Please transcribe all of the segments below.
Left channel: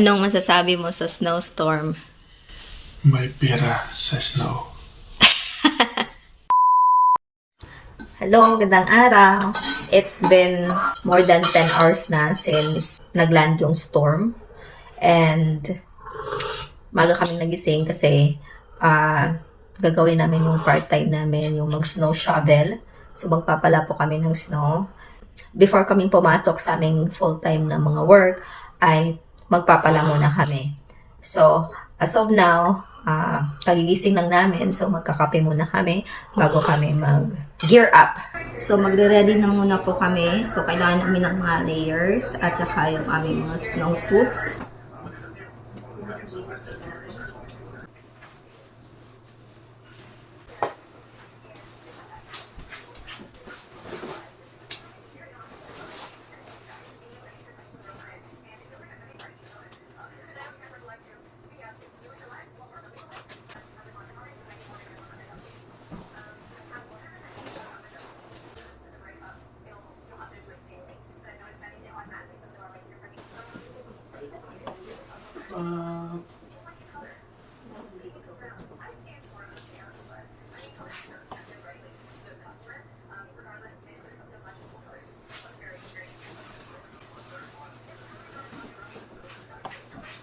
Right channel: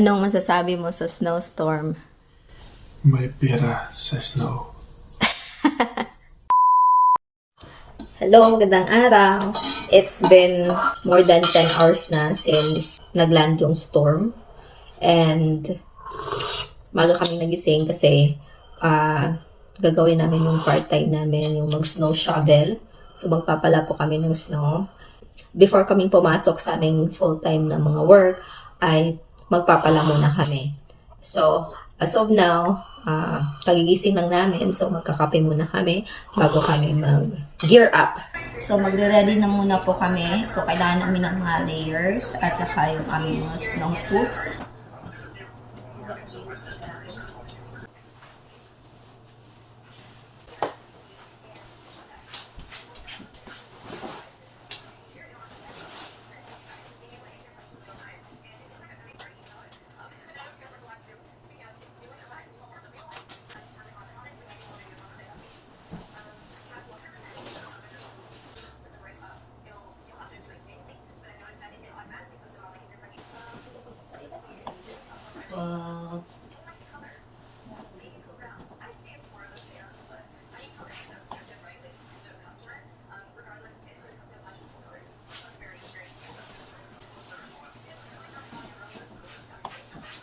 Anong masasabi mo sa snowstorm? May pira sa snow. Hello, magandang araw. It's been more than 10 hours na since nagland yung storm. And maga kami nagising kasi gagawin namin yung part-time namin, yung mag-snow shovel. So magpapala po kami ng snow. Before kaming pumasok sa aming full-time na mga work, ay magpapala muna kami. So, as of now, kagigising lang namin. So, magkakape muna kami bago kami mag-gear up. So, magre-ready na muna po kami. So, kailangan namin ng mga layers at saka yung aming mga snowsuits.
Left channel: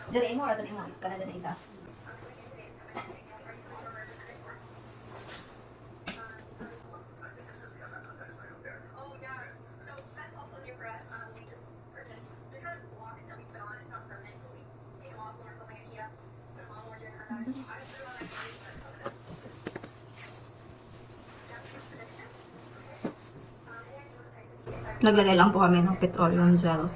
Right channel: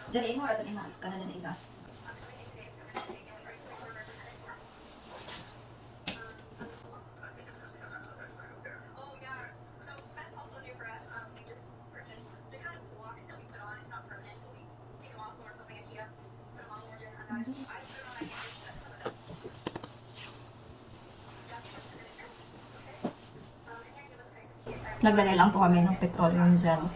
Dali mo or dali mo? Kanada na isa. Naglagay lang po kami ng petroleum gel.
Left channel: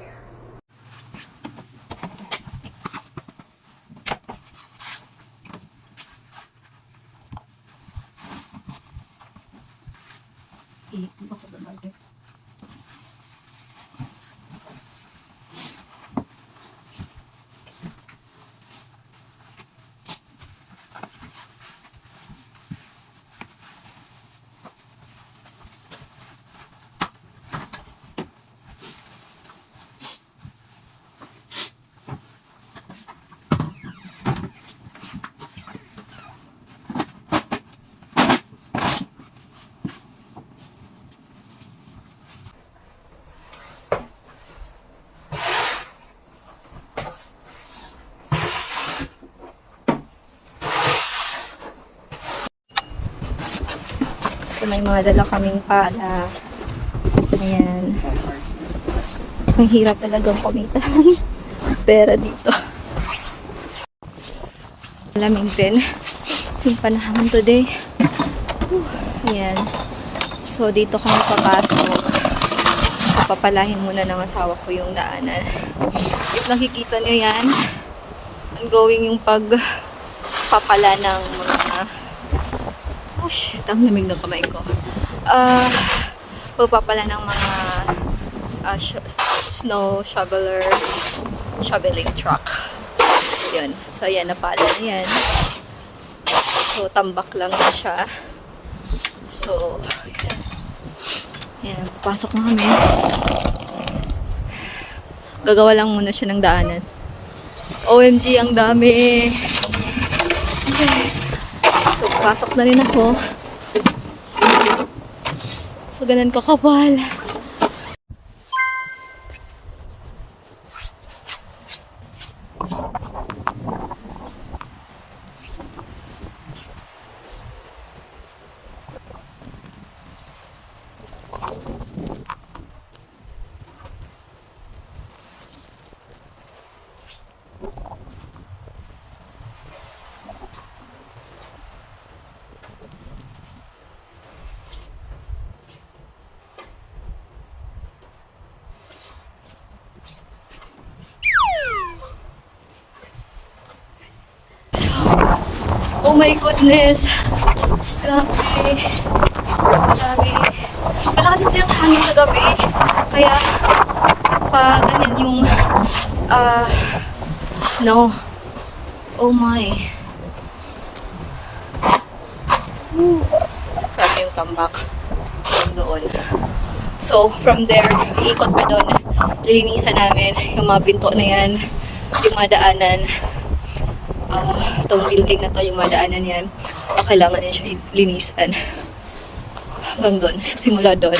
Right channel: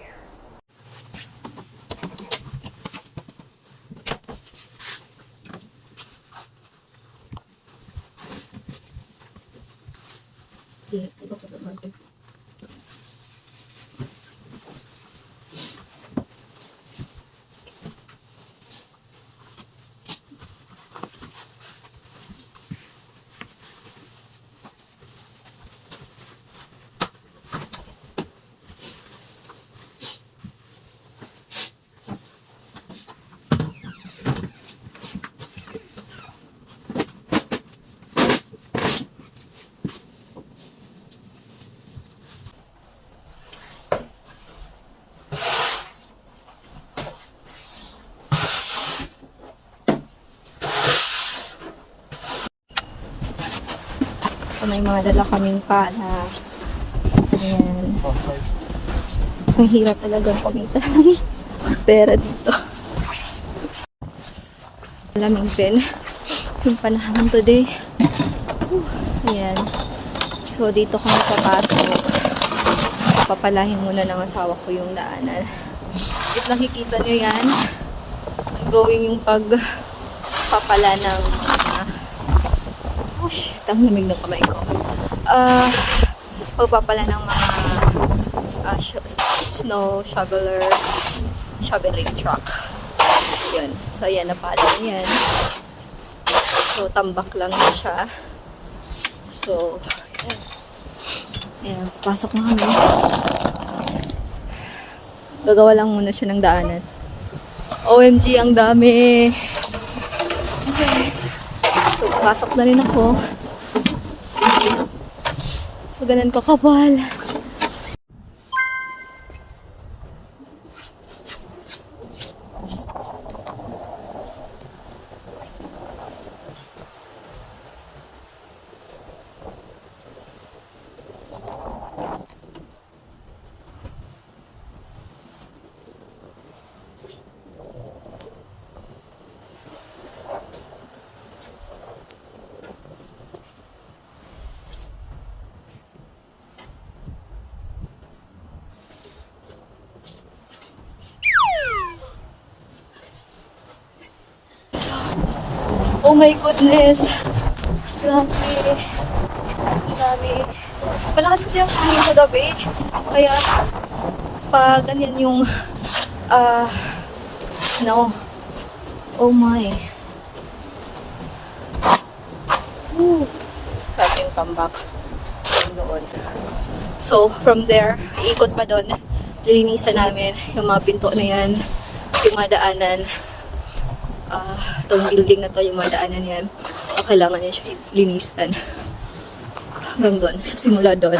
So, may mga dala kaming pala. Ayan. Ang hirap talagang kumita ng pera dito. Malamig din yung panahon today. Ayan. So, dito kami papasok. So, papalahin muna ng asawa ko yung daanan. If nakikita nyo yan, ongoing yung pagpapala ng mga oh shit, ang lamig ng kamay ko. Pagpapala ng mga snow shoveling truck. Yun. So, ayan, napala na yan. So, tambak lang na siya. So, ayan. Ayan, pasok na kami. Gagawa lang muna siya ng daanan. OMG, ang dami. Okay. So, pasok na rin ako. So, ganun ko kapal. Oh my goodness. Grabe. Grabe. Malakas kasi ang hangin sa gabi. Kaya, pag ganyan yung snow. Oh my. Grabe yung tambak. Doon. So, from there, iikot pa doon. Lilinisan namin yung mga pinto na yan. yung madaanan. Itong building na to, yung madaanan yan. Kailangan niya siya linisan. Hanggang doon. So, simula doon.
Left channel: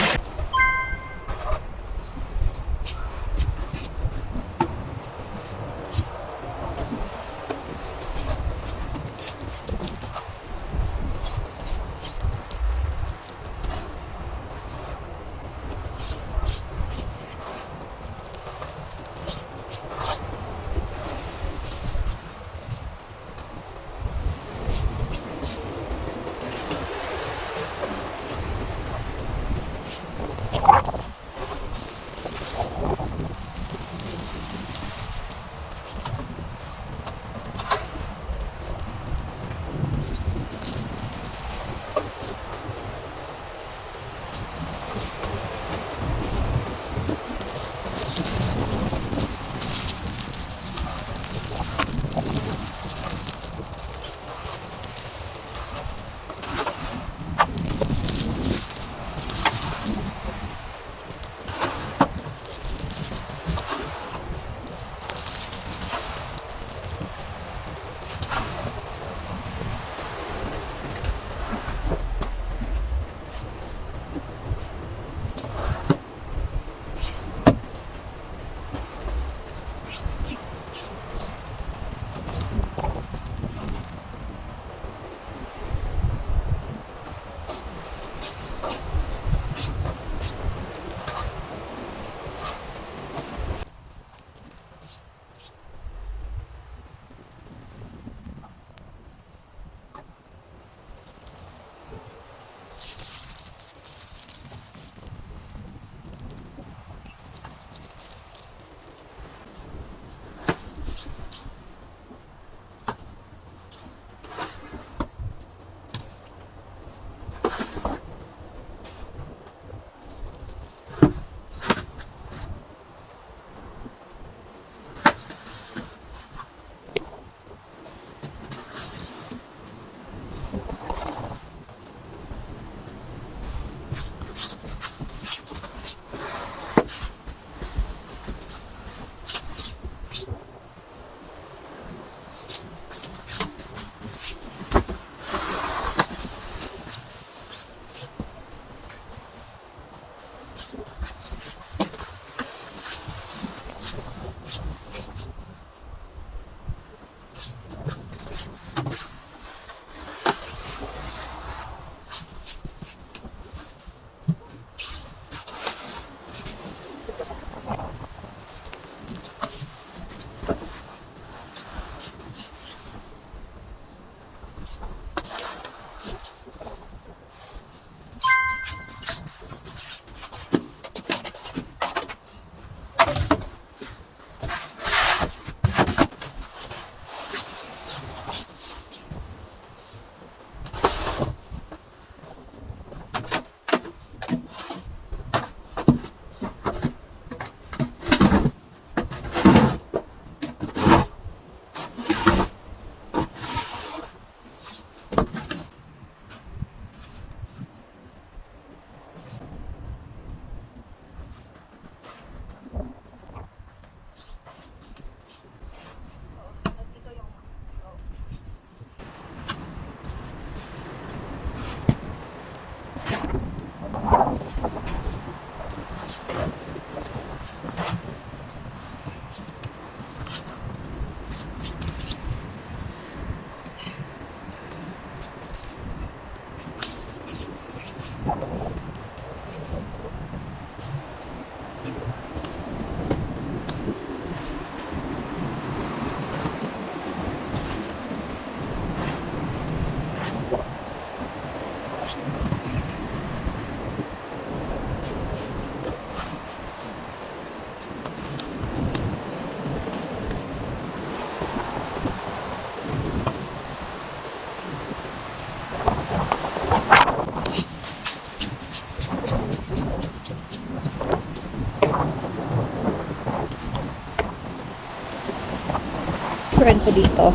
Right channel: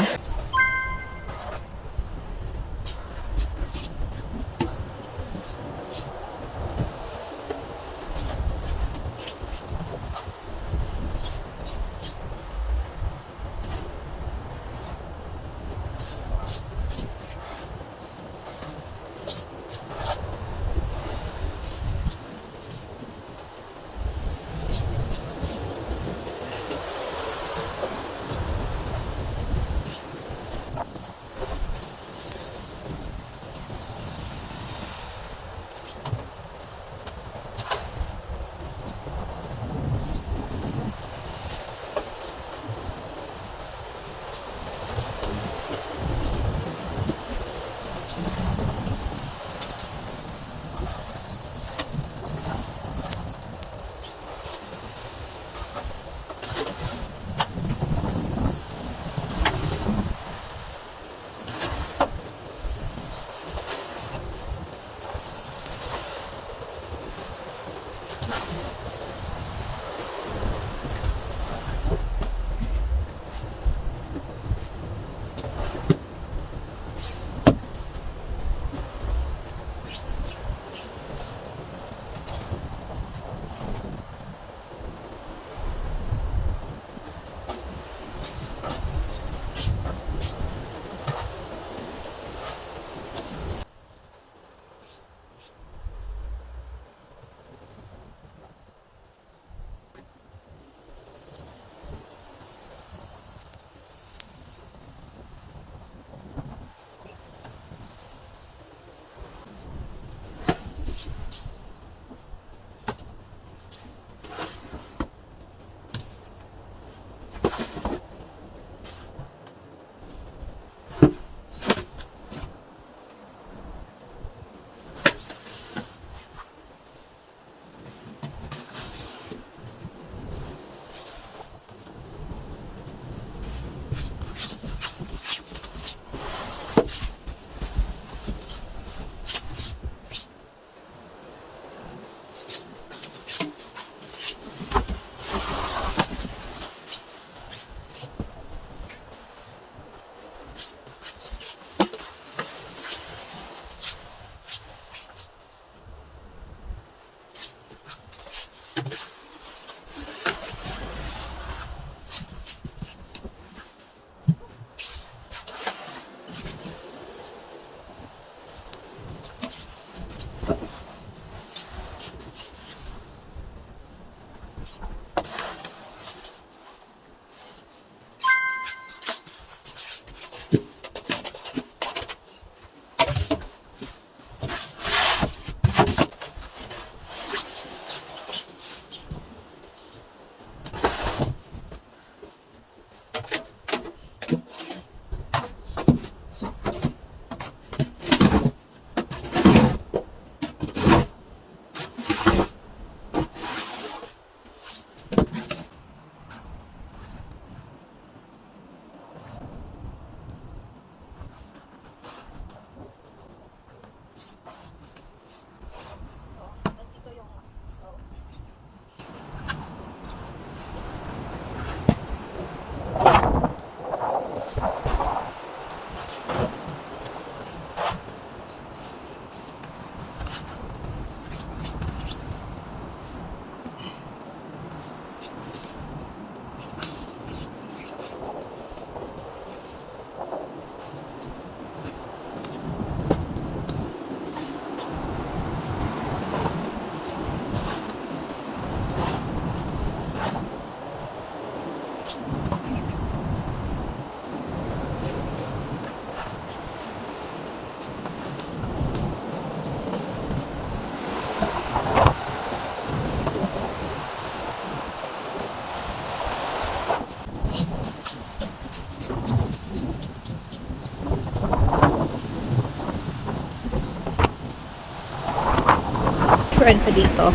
friend ko dito.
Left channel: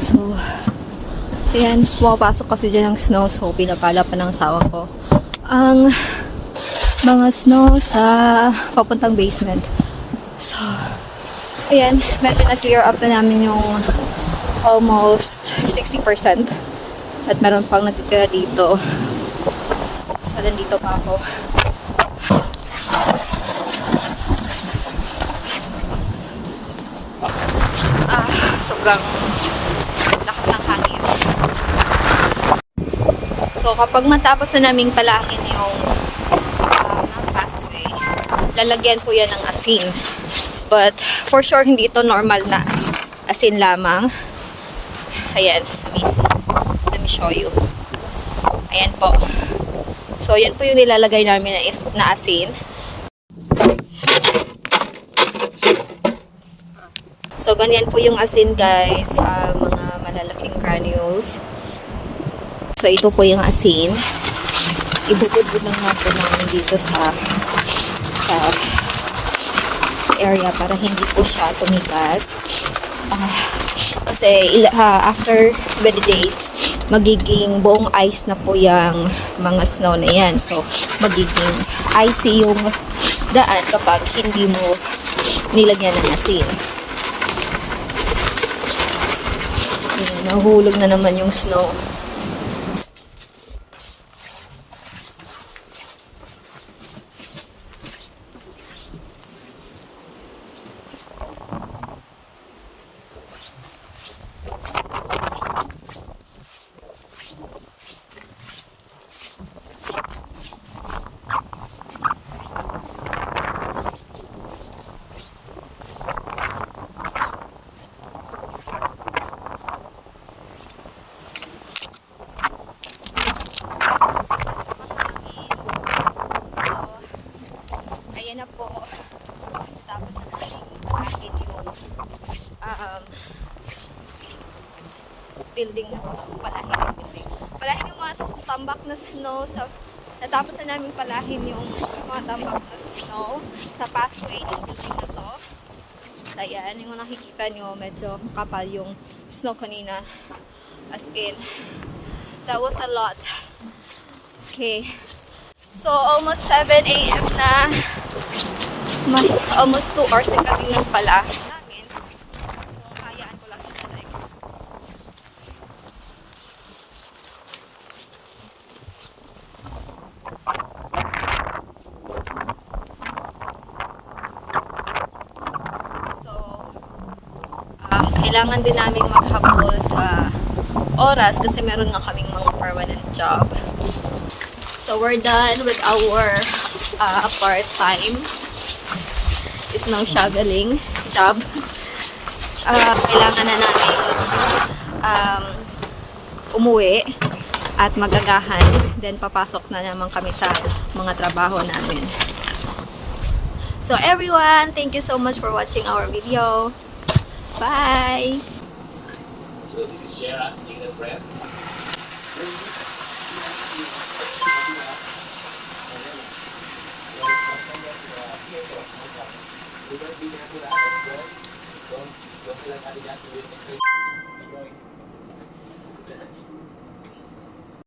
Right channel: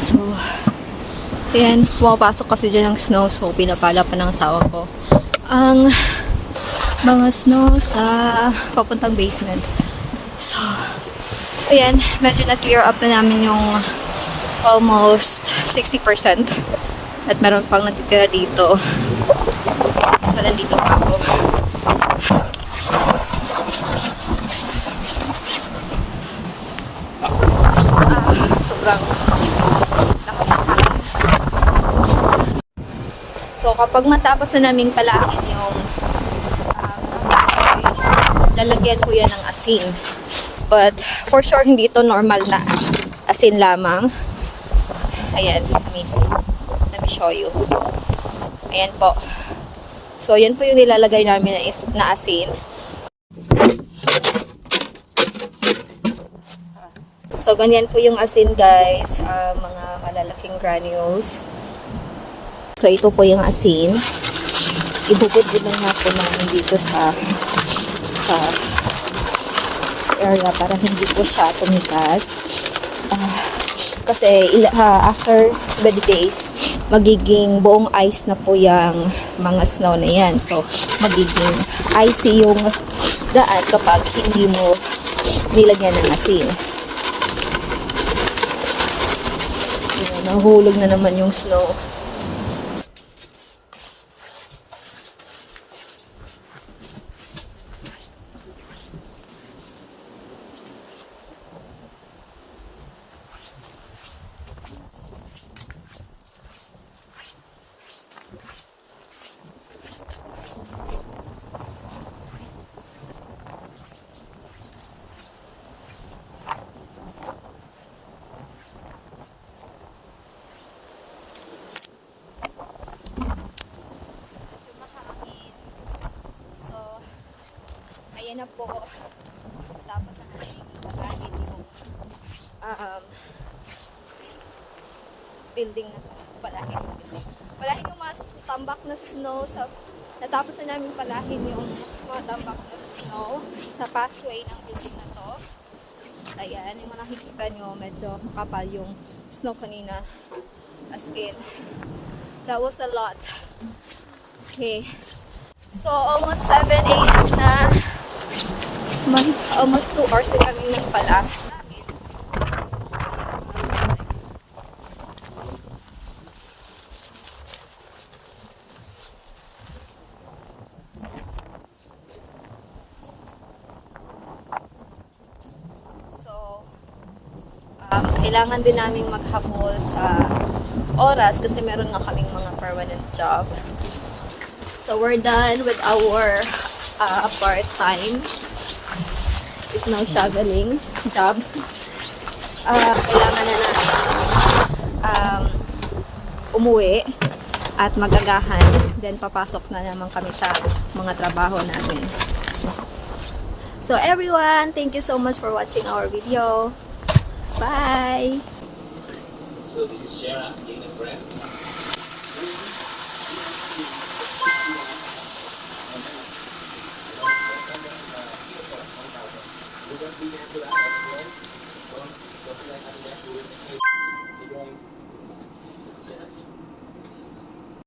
So, ayan, pumapasok kasi dyan ng snow. So, pinapala pa ng asawa ko ang mga snow sa papuntang basement. So, Ayan, medyo na-clear up na namin yung almost 60%. At meron pang natitira dito. So, nandito pa ako. Sobrang lakas ng hangin. So, kapag matapos na naming palakin yung nakahoy, lalagyan po yan ng asin. But, for sure, hindi ito normal na asin lamang. Ayan, amazing. Let me show you. Ayan po. So, yan po yung nilalagay namin na asin. So, ganyan po yung asin, guys. Mga malalaking granules. So, ito po yung asin. Ibubudbud lang nga po namin dito sa area para hindi po siya tumigas. Kasi after 20 days, magiging buong ice na po yung mga snow na yan. So, magiging icy yung daan kapag hindi mo nilagyan ng asin. Ayan, nahulog na naman yung snow. Ayan na po. Tapos na natin yung building na palahin yung mga tambak na snow sa natapos na namin palahin yung mga tambak na snow sa pathway ng building na to. Ayan, yung nakikita nyo medyo makapal yung snow kanina, as in that was a lot. Okay, so almost 7 a.m. na. Almost 2 hours din kami ng pala namin. So, kailangan din namin maghabol sa oras kasi meron nga kaming mga permanent job. So, we're done with our part-time snow shoveling job. Kailangan na namin umuwi at magagahan. Then, papasok na naman kami sa mga trabaho namin. So, everyone, thank you so much for watching our video. Bye! So this is Shara, English brand. Don't